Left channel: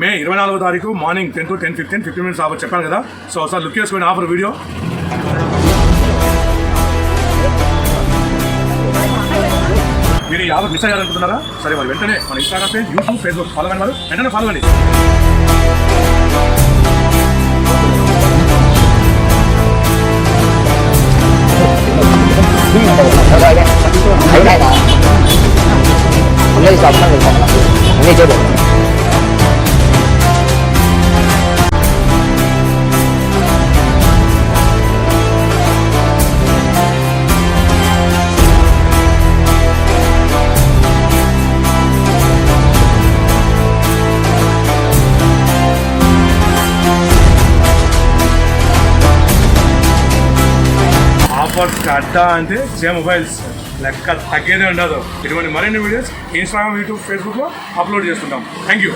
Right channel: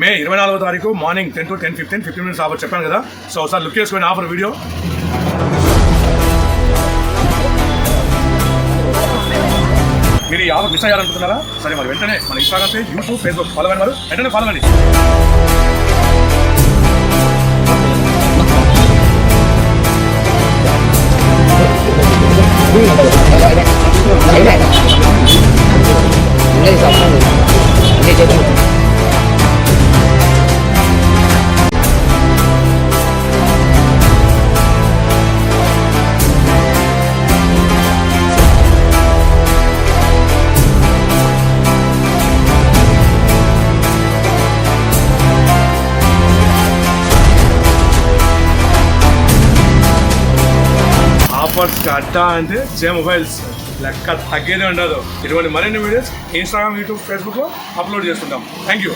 మే ఇరవై నాలుగో తారీఖు morning ten to ten fifteen fifteen minutes offer చెప్పాను కదా. సో ఒకసారి లుక్ చేసుకోండి ఆఫర్ వీడియో. మీరు ఈ ఆఫర్ మిస్ అయ్యారనుకుంటున్నారా? సరే మరి వెంటనే మన Instagram page YouTube Facebook follow అయిన వారు వెంటనే ఫాలో అండి అన్నీ స్వప్నం అన్నీ చెప్పు. ఆఫర్స్ అడ్డా అంటే జే మొబైల్స్. లెక్క తగ్గేదే ఉండదు. ఇటువంటి మరిన్ని వీడియోస్ ఇన్స్టాగ్రామ్ యూట్యూబ్ ఫేస్బుక్లో అప్లోడ్ చేస్తుంటాం. Thank you